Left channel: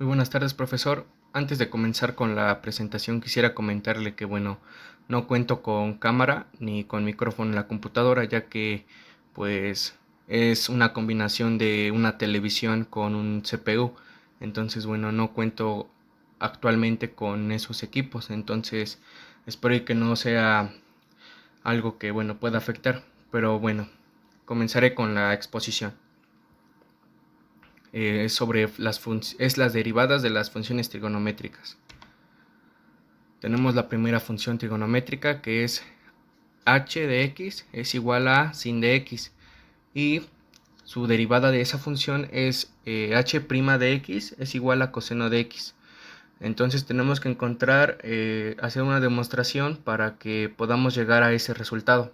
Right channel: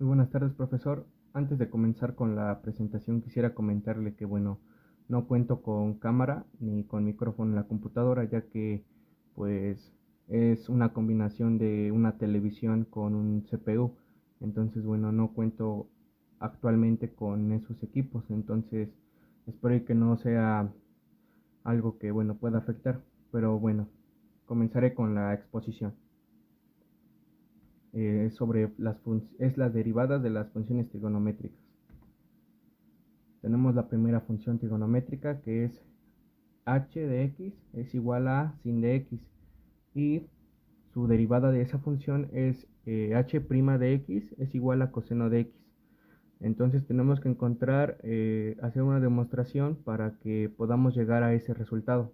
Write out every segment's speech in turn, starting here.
Muy buenas tardes, profesor. Antes de comenzar con la presentación, quisiera comentarle que, no cuento con cámara ni con micrófono en la computadora, ya que, pues, es una combinación de una televisión con un CPU. Entonces, no cuento actualmente con esos equipos. Entonces, espero que no sea algo que, pueda afectar. Pero comenzaré con la exposición. Es sobre las derivadas de las funciones trigonométricas. Tenemos la primera función trigonométrica, que es h de x es igual a sin de x, y su derivada de esa función es h' de x es igual a coseno de x. Entonces tenemos que hacer una demostración para que podamos llegar a ese resultado.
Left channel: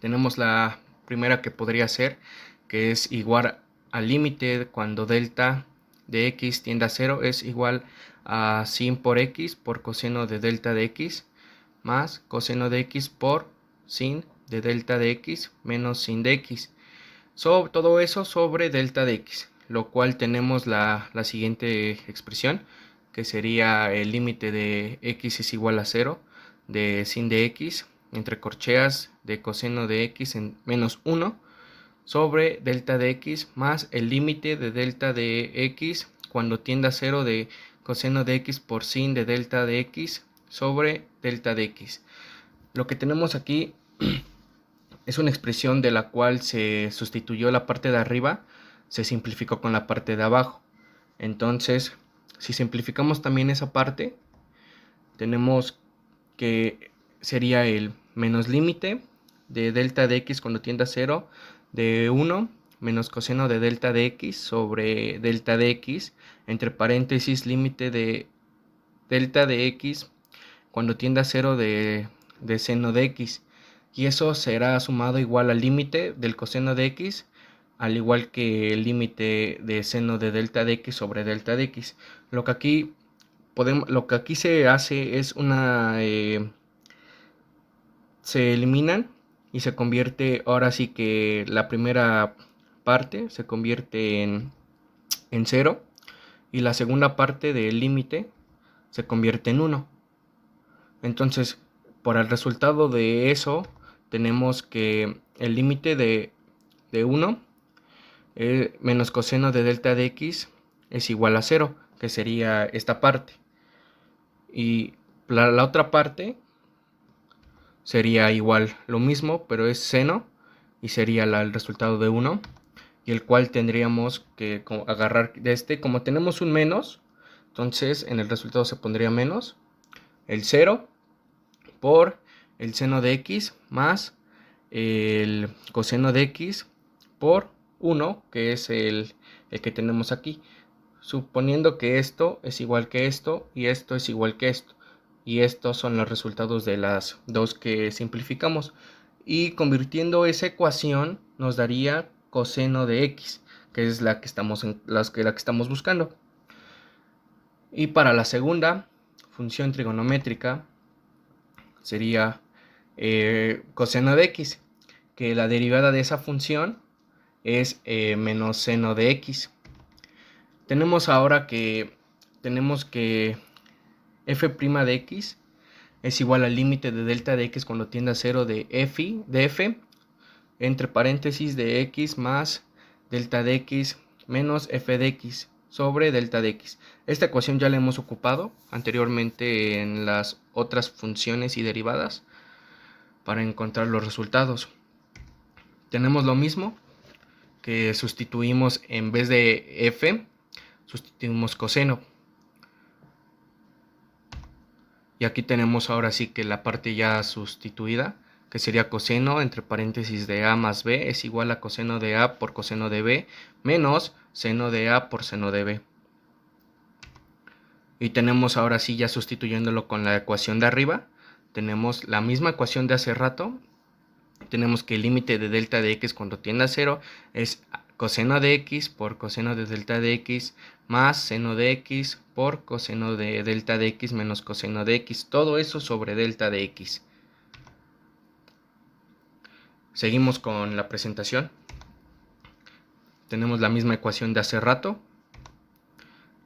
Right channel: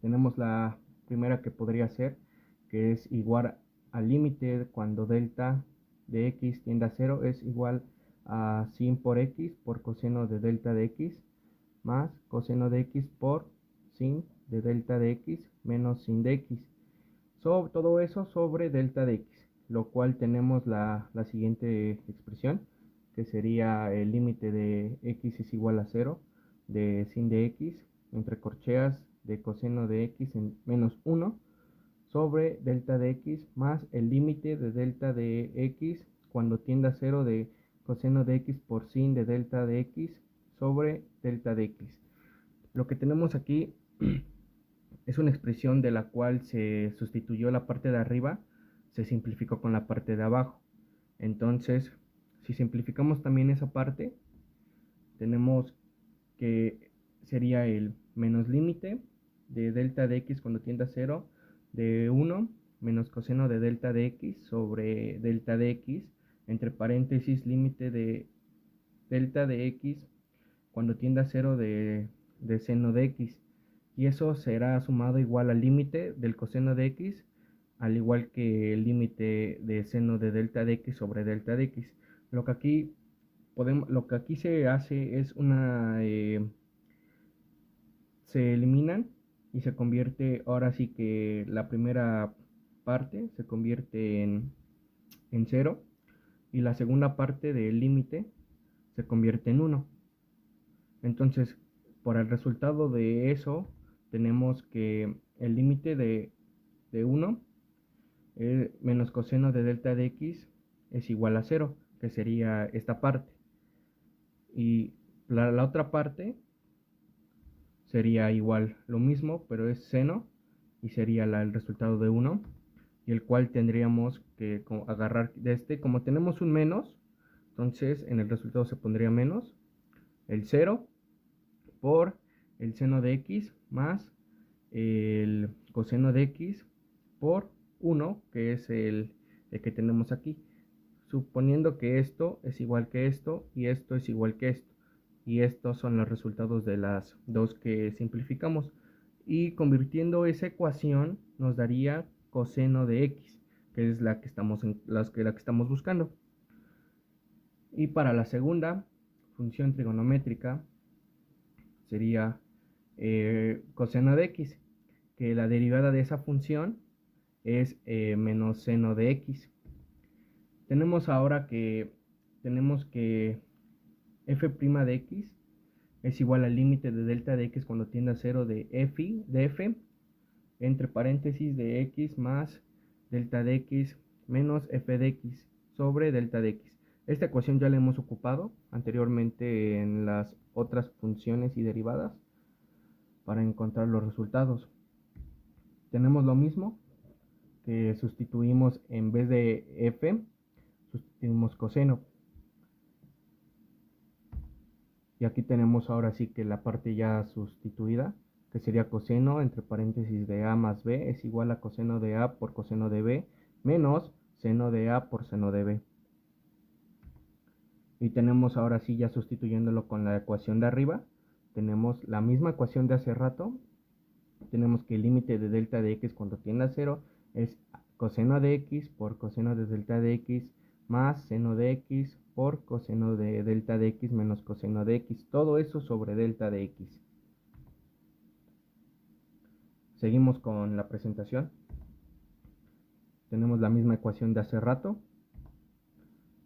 Tenemos la primera, que podría ser, que es igual al límite cuando delta de x tiende a 0 es igual a sin por x por coseno de delta de x más coseno de x por sin de delta de x menos sin de x. Todo eso sobre delta de x, lo cual tenemos la siguiente expresión, que sería el límite de x es igual a 0 de sin de x entre corcheas de coseno de x en menos 1 sobre delta de x más el límite de delta de x cuando tiende a 0 de coseno de x por sin de delta de x sobre delta de x. Lo que tenemos aquí es una expresión de la cual se sustituyó la parte de arriba, se simplificó con la parte de abajo. Entonces, si simplificamos también esa parte, tenemos que sería el menos límite de delta de x cuando tiende a 0 de 1 menos coseno de delta de x sobre delta de x entre paréntesis límite de delta de x cuando tiende a 0 de seno de x, y eso será sumado igual al límite del coseno de x, al igual que el límite de seno de delta de x sobre delta de x. Lo que aquí se hace es se eliminan y se convierte, ahora sí que la primera parte se convierte en 0 y la segunda parte del límite se convierte en 1. Entonces, por el resultado de eso, tenemos que el límite de 1 menos coseno de delta de x es igual a 0, que sería esta parte. Y la otra parte sería igual lo mismo, pero es seno, y sería el resultado de 1, y el cual tendríamos que agarrar de como tenemos un menos, entonces en el resultado se pondría menos el 0 por el seno de x más el coseno de x por 1, que es el que tenemos aquí, suponiendo que esto es igual que esto y esto es igual que esto, y estos son los resultados de las dos que simplificamos, y convirtiendo esa ecuación nos daría coseno de x, que es la que estamos buscando. Y para la segunda función trigonométrica sería coseno de x, que la derivada de esa función es menos seno de x. Tenemos que f' de x es igual al límite de delta de x cuando tiende a 0 de f entre paréntesis de x más delta de x menos f de x sobre delta de x. Esta ecuación ya la hemos ocupado anteriormente en las otras funciones y derivadas para encontrar los resultados. Tenemos lo mismo, que sustituimos en vez de f, sustituimos coseno. Y aquí tenemos ahora sí que la parte ya sustituida, que sería coseno entre paréntesis de a más b es igual a coseno de a por coseno de b menos seno de a por seno de b. Y tenemos ahora sí, ya sustituyéndolo con la ecuación de arriba, tenemos la misma ecuación de hace rato. Tenemos que el límite de delta de x cuando tiende a 0 es coseno de x por coseno de delta de x más seno de x por coseno de delta de x menos coseno de x. Todo eso sobre delta de x. Seguimos con la presentación. tenemos la misma ecuación de hace rato.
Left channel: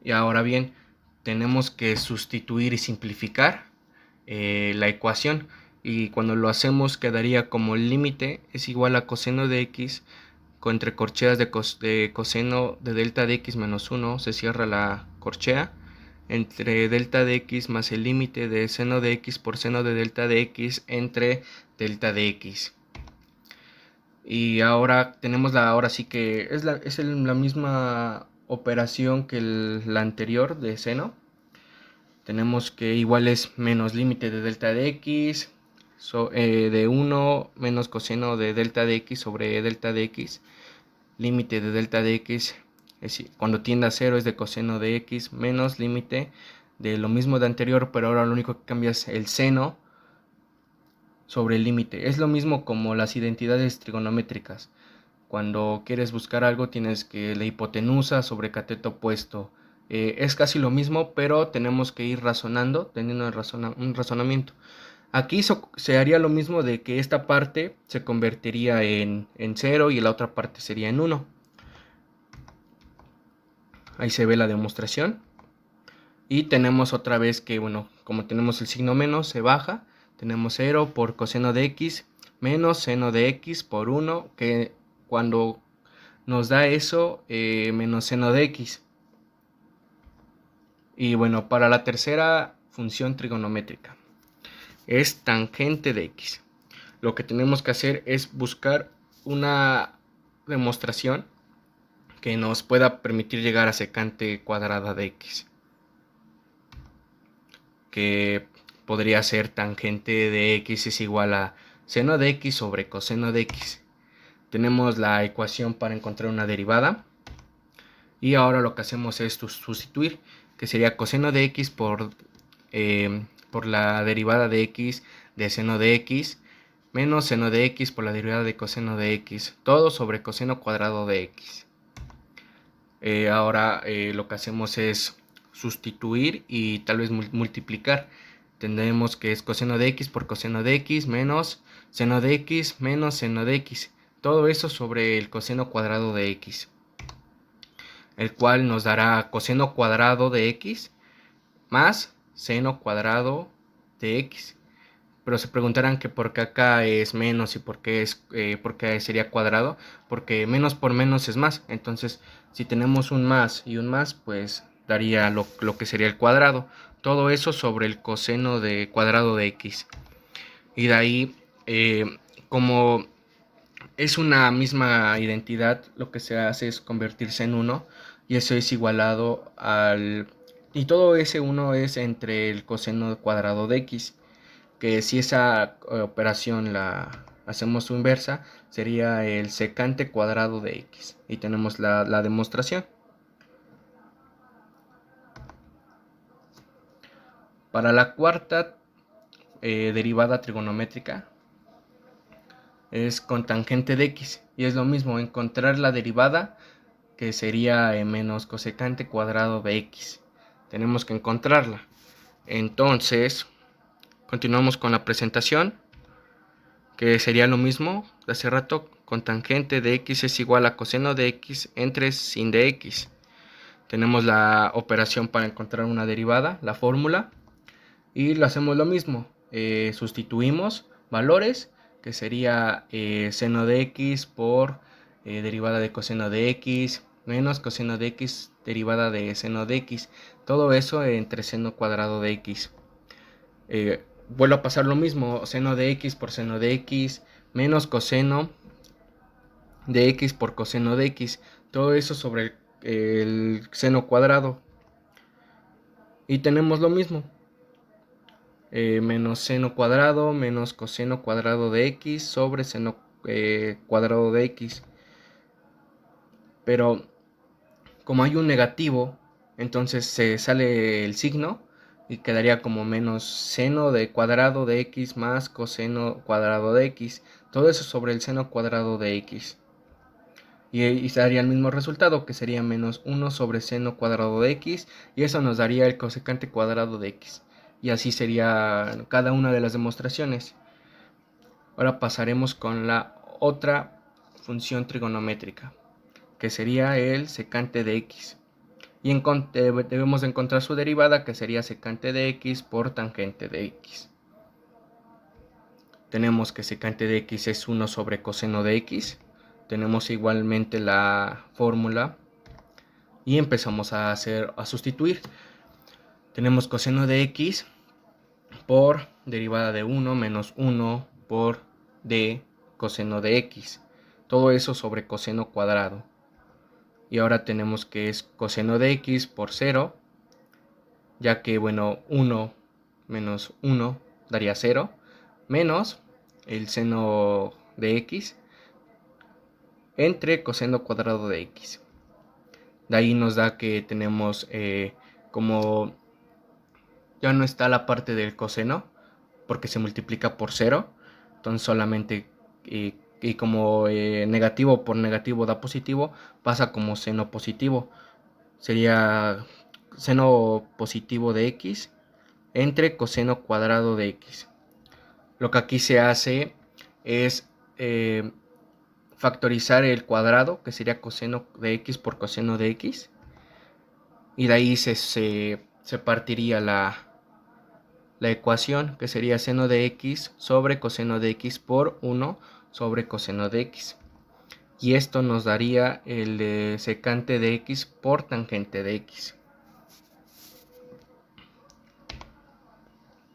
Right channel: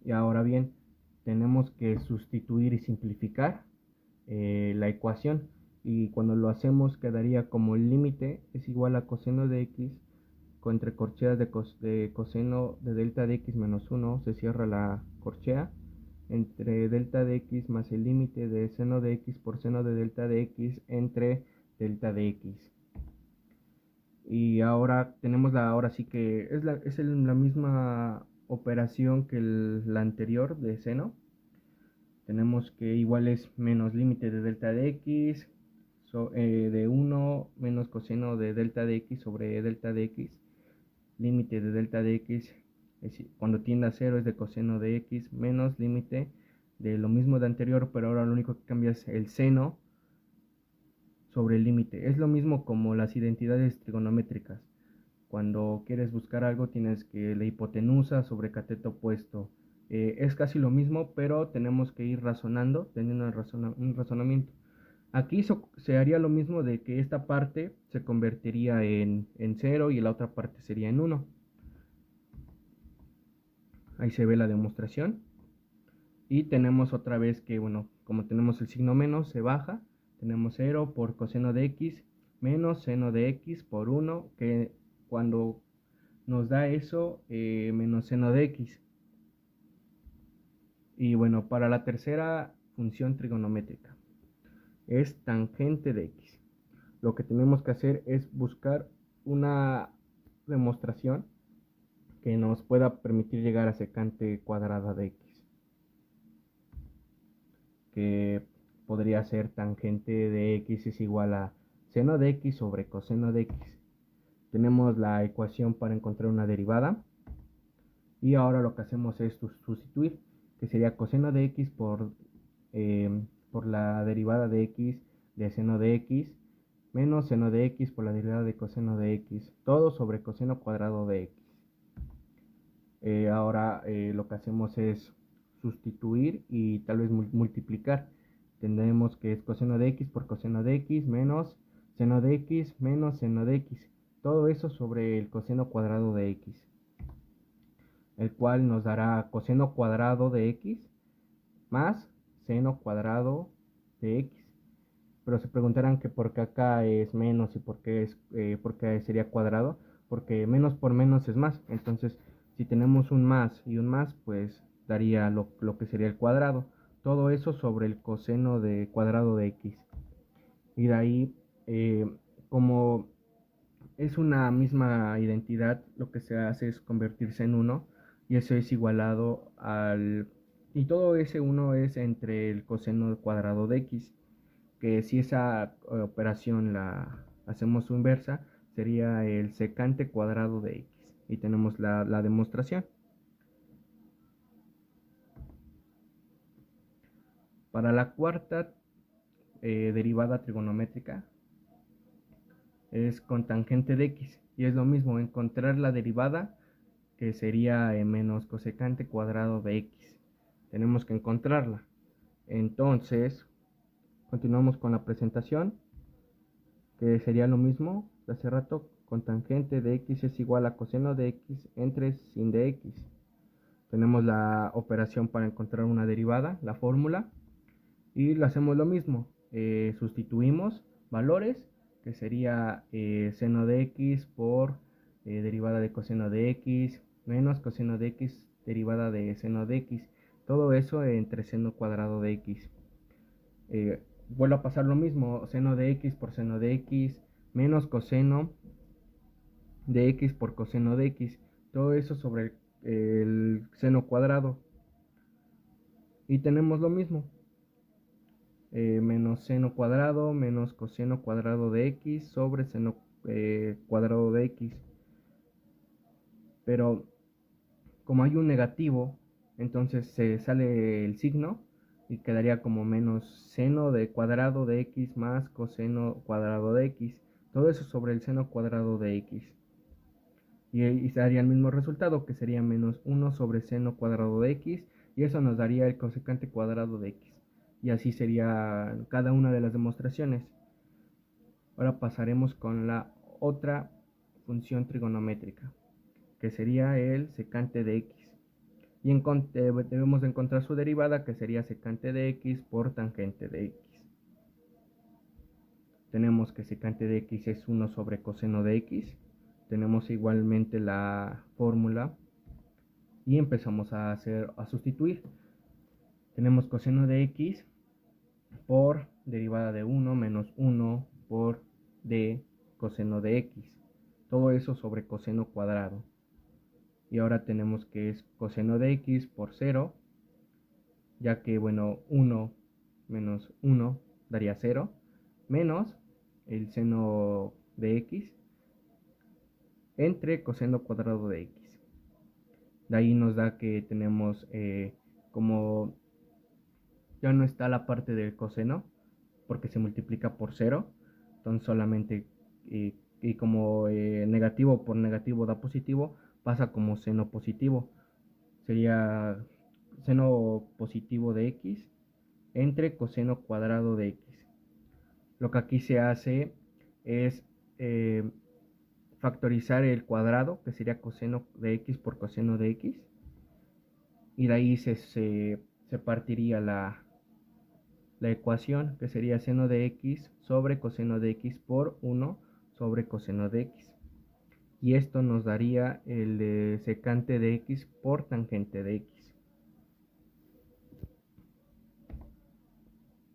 Y ahora bien, tenemos que sustituir y simplificar la ecuación. Y cuando lo hacemos quedaría como el límite es igual a coseno de x entre corcheas de coseno de delta de x menos 1, se cierra la corchea, entre delta de x más el límite de seno de x por seno de delta de x entre delta de x. Y ahora tenemos ahora sí que es la misma operación que la anterior de seno. Tenemos que igual es menos límite de delta de x de 1 menos coseno de delta de x sobre delta de x. Límite de delta de x cuando tiende a 0 es de coseno de x menos límite de lo mismo de anterior, pero ahora lo único que cambia es el seno sobre el límite. Es lo mismo como las identidades trigonométricas. Cuando quieres buscar algo tienes que la hipotenusa sobre cateto opuesto. Es casi lo mismo, pero tenemos que ir razonando, teniendo un razonamiento. Aquí se haría lo mismo de que esta parte se convertiría en 0 y la otra parte sería en 1. Ahí se ve la demostración. Y tenemos otra vez que, bueno, como tenemos el signo menos, se baja. Tenemos 0 por coseno de x menos seno de x por 1, que cuando nos da eso, menos seno de x. Y bueno, para la tercera función trigonométrica es tangente de x. Lo que tenemos que hacer es buscar una demostración que nos pueda permitir llegar a secante cuadrada de x, que podría ser tangente de x es igual a seno de x sobre coseno de x. Tenemos la ecuación para encontrar una derivada y ahora lo que hacemos es sustituir, que sería coseno de x por la derivada de x de seno de x menos seno de x por la derivada de coseno de x, todo sobre coseno cuadrado de x. Ahora lo que hacemos es sustituir y tal vez multiplicar. Tendremos que es coseno de x por coseno de x menos seno de x menos seno de x. Todo eso sobre el coseno cuadrado de x, el cual nos dará coseno cuadrado de x más seno cuadrado de x. Pero se preguntarán que por qué acá es menos y por qué sería cuadrado, porque menos por menos es más. Entonces, si tenemos un más y un más, pues daría lo que sería el cuadrado. Todo eso sobre el coseno de cuadrado de x. Y de ahí, como es una misma identidad, lo que se hace es convertirse en 1 y eso es igualado al... Y todo ese 1 es entre el coseno cuadrado de x, que si esa operación la hacemos su inversa, sería el secante cuadrado de x. Y tenemos la demostración. Para la cuarta derivada trigonométrica es con tangente de x. Y es lo mismo, encontrar la derivada, que sería menos cosecante cuadrado de x. Tenemos que encontrarla. Entonces, continuamos con la presentación, que sería lo mismo de hace rato, con tangente de x es igual a coseno de x entre sin de x. Tenemos la operación para encontrar una derivada, la fórmula, y lo hacemos lo mismo. Sustituimos valores, que sería seno de x por derivada de coseno de x, menos coseno de x derivada de seno de x. Todo eso entre seno cuadrado de x. Vuelvo a pasar lo mismo, seno de x por seno de x, menos coseno de x por coseno de x. Todo eso sobre el seno cuadrado. Y tenemos lo mismo. Menos seno cuadrado menos coseno cuadrado de x sobre seno cuadrado de x. Pero como hay un negativo, entonces se sale el signo y quedaría como menos seno de cuadrado de x más coseno cuadrado de x. Todo eso sobre el seno cuadrado de x. Y se daría el mismo resultado, que sería menos 1 sobre seno cuadrado de x, y eso nos daría el cosecante cuadrado de x. Y así sería cada una de las demostraciones. Ahora pasaremos con la otra función trigonométrica, que sería el secante de x. Y debemos encontrar su derivada, que sería secante de x por tangente de x. Tenemos que secante de x es 1 sobre coseno de x. Tenemos igualmente la fórmula y empezamos a sustituir. Tenemos coseno de x por derivada de 1 menos 1 por d coseno de x. Todo eso sobre coseno cuadrado. Y ahora tenemos que es coseno de x por 0, ya que, bueno, 1 menos 1 daría 0, menos el seno de x entre coseno cuadrado de x. De ahí nos da que tenemos como ya no está la parte del coseno, porque se multiplica por 0, entonces solamente y como negativo por negativo da positivo, pasa como seno positivo. Sería seno positivo de x entre coseno cuadrado de x. Lo que aquí se hace es factorizar el cuadrado, que sería coseno de x por coseno de x, y de ahí se partiría la ecuación, que sería seno de x sobre coseno de x por 1 sobre coseno de x. Y esto nos daría el secante de x por tangente de x.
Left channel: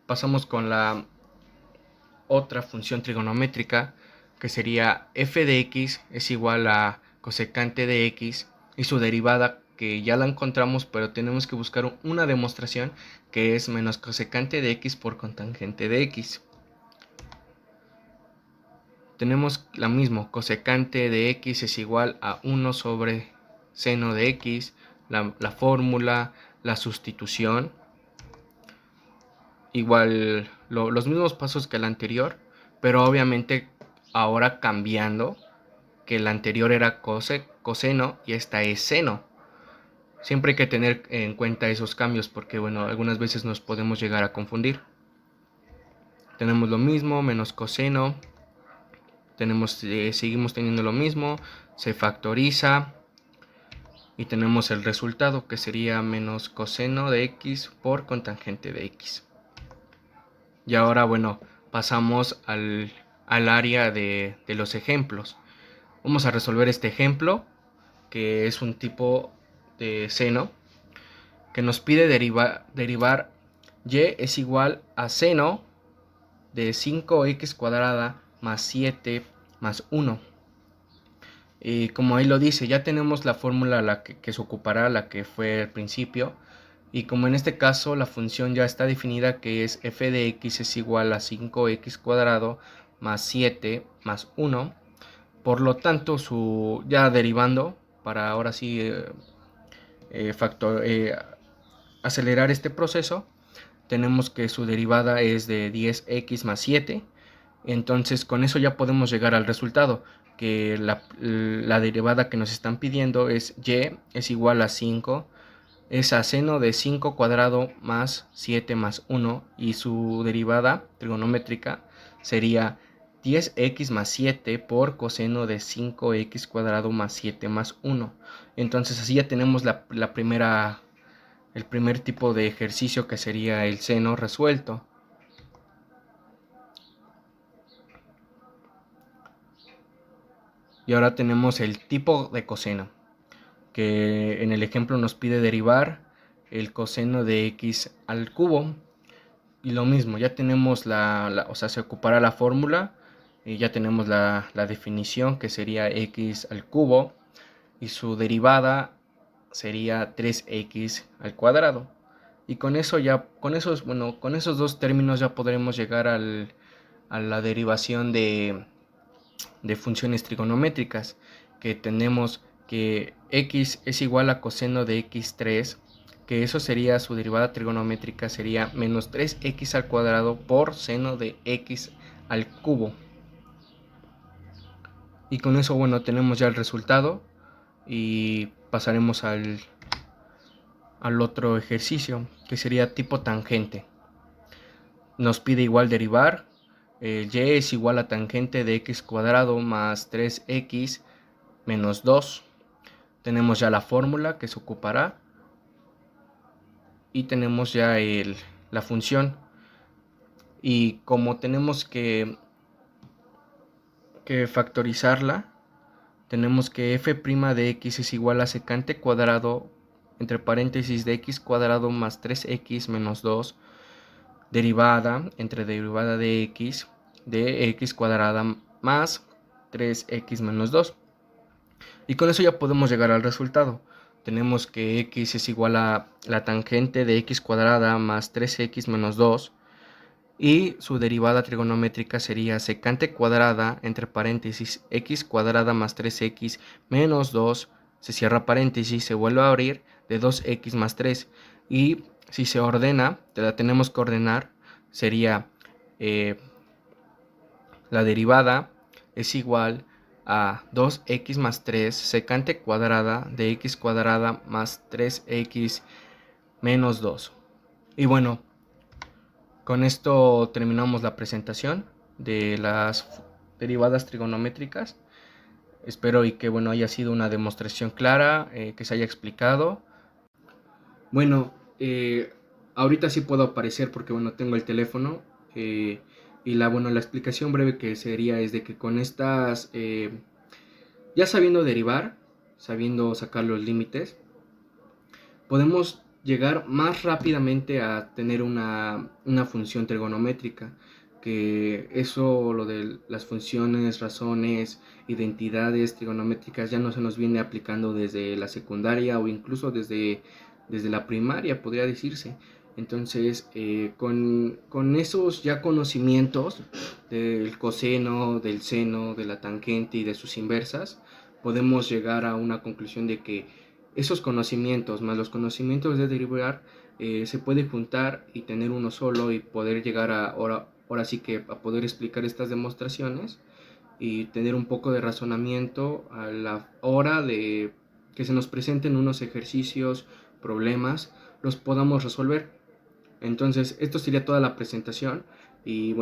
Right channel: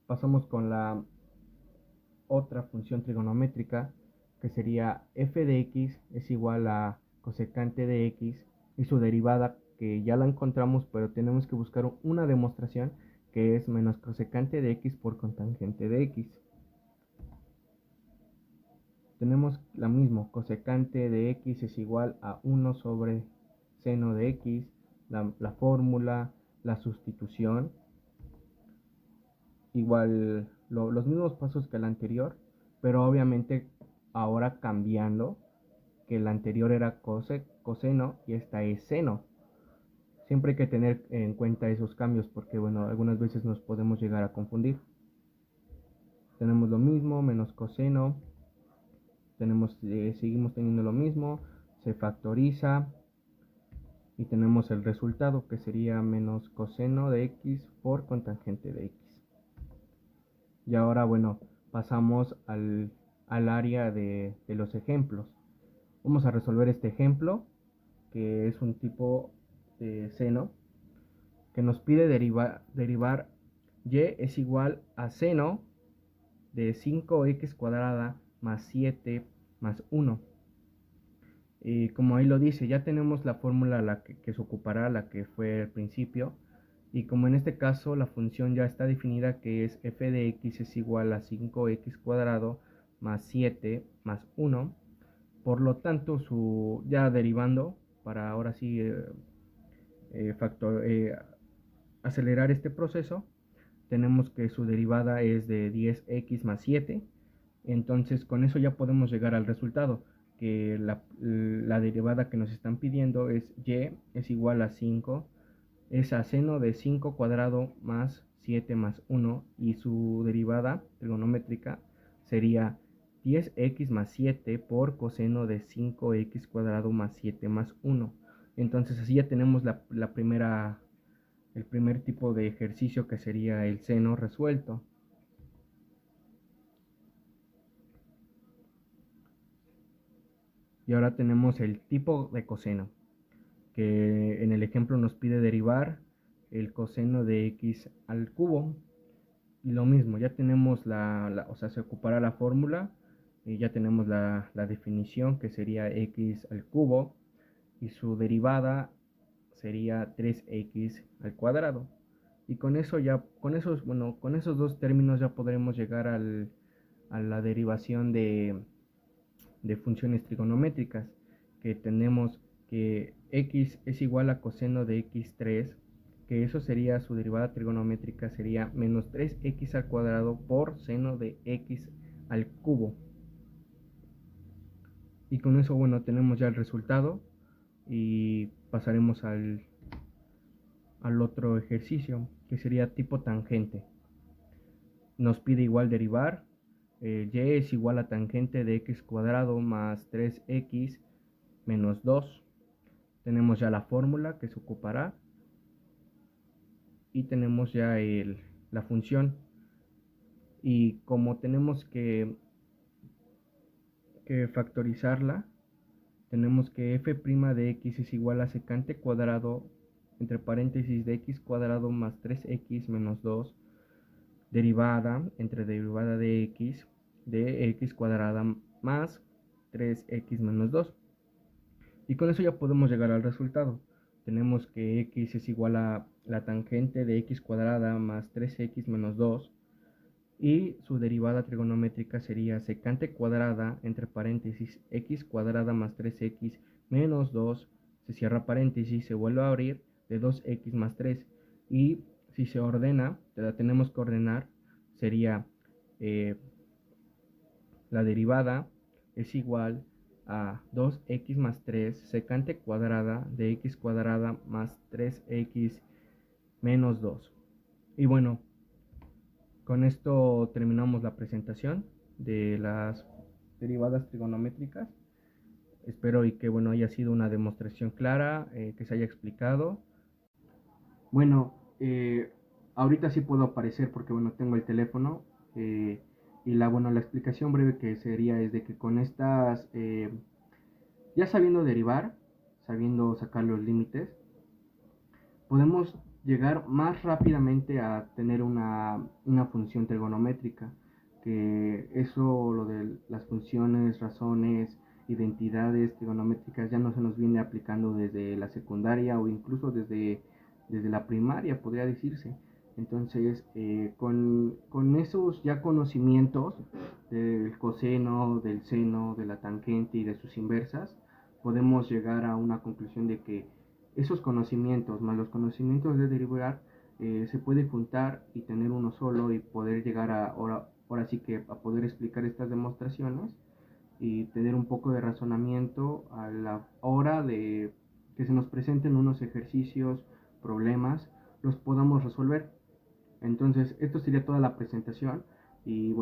Pasamos con la otra función trigonométrica, que sería f de x es igual a cosecante de x y su derivada, que ya la encontramos, pero tenemos que buscar una demostración, que es menos cosecante de x por cotangente de x. Tenemos la misma, cosecante de x es igual a 1 sobre seno de x, la fórmula, la sustitución, igual los mismos pasos que el anterior, pero obviamente ahora cambiando, que el anterior era coseno y esta es seno. Siempre hay que tener en cuenta esos cambios, porque bueno, algunas veces nos podemos llegar a confundir. Tenemos lo mismo, menos coseno, seguimos teniendo lo mismo, se factoriza y tenemos el resultado, que sería menos coseno de x por cotangente de x. Y ahora, bueno, pasamos al área de los ejemplos. Vamos a resolver este ejemplo, que es un tipo de seno, que nos pide derivar y es igual a seno de 5x cuadrada más 7 más 1. Y como ahí lo dice, ya tenemos la fórmula que se ocupará, la que fue al principio. Y como en este caso la función ya está definida, que es f de x es igual a 5x cuadrado más 7 más 1. Por lo tanto, ya derivando, para ahora sí acelerar este proceso, tenemos que su derivada es de 10x más 7. Entonces con eso ya podemos llegar al resultado, que la derivada que nos están pidiendo es y es igual a 5, es a seno de 5 cuadrado más 7 más 1, y su derivada trigonométrica sería 10x más 7 por coseno de 5x cuadrado más 7 más 1. Entonces así ya tenemos el primer tipo de ejercicio, que sería el seno resuelto. Y ahora tenemos el tipo de coseno, que en el ejemplo nos pide derivar el coseno de x al cubo. Y lo mismo, ya tenemos o sea, se ocupará la fórmula, y ya tenemos la definición, que sería x al cubo, y su derivada sería 3x al cuadrado. Y con esos dos términos ya podremos llegar a la derivación de funciones trigonométricas, que tenemos que x es igual a coseno de x3, que eso sería su derivada trigonométrica, sería menos 3x al cuadrado por seno de x al cubo. Y con eso, bueno, tenemos ya el resultado, y pasaremos al otro ejercicio, que sería tipo tangente. Nos pide igual derivar y es igual a tangente de x cuadrado más 3x menos 2. tenemos ya la fórmula que se ocupará y tenemos ya la función. Y como tenemos que factorizarla, tenemos que f' de x es igual a secante cuadrado entre paréntesis de x cuadrado más 3x menos 2 derivada entre derivada de x cuadrada más 3x menos 2. Y con eso ya podemos llegar al resultado. Tenemos que x es igual a la tangente de x cuadrada más 3x menos 2 y su derivada trigonométrica sería secante cuadrada entre paréntesis x cuadrada más 3x menos 2, se cierra paréntesis, se vuelve a abrir, de 2x más 3. Y si se ordena, la tenemos que ordenar, sería la derivada es igual a 2x más 3 secante cuadrada de x cuadrada más 3x menos 2. Y bueno, con esto terminamos la presentación de las derivadas trigonométricas. Espero y que haya sido una demostración clara, que se haya explicado. Bueno, ahorita sí puedo aparecer porque tengo el teléfono, y la explicación breve que sería es de que con estas, ya sabiendo derivar, sabiendo sacar los límites, podemos llegar más rápidamente a tener una función trigonométrica, que eso, lo de las funciones, razones, identidades trigonométricas ya no se nos viene aplicando desde la secundaria o incluso desde la primaria, podría decirse. Entonces, con esos ya conocimientos del coseno, del seno, de la tangente y de sus inversas, podemos llegar a una conclusión de que esos conocimientos más los conocimientos de derivar, se puede juntar y tener uno solo y poder llegar a ahora sí que a poder explicar estas demostraciones y tener un poco de razonamiento a la hora de que se nos presenten unos ejercicios, problemas, los podamos resolver. Entonces, esto sería toda la presentación y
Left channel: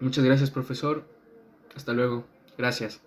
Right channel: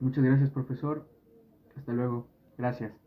muchas gracias, profesor. Hasta luego. Gracias.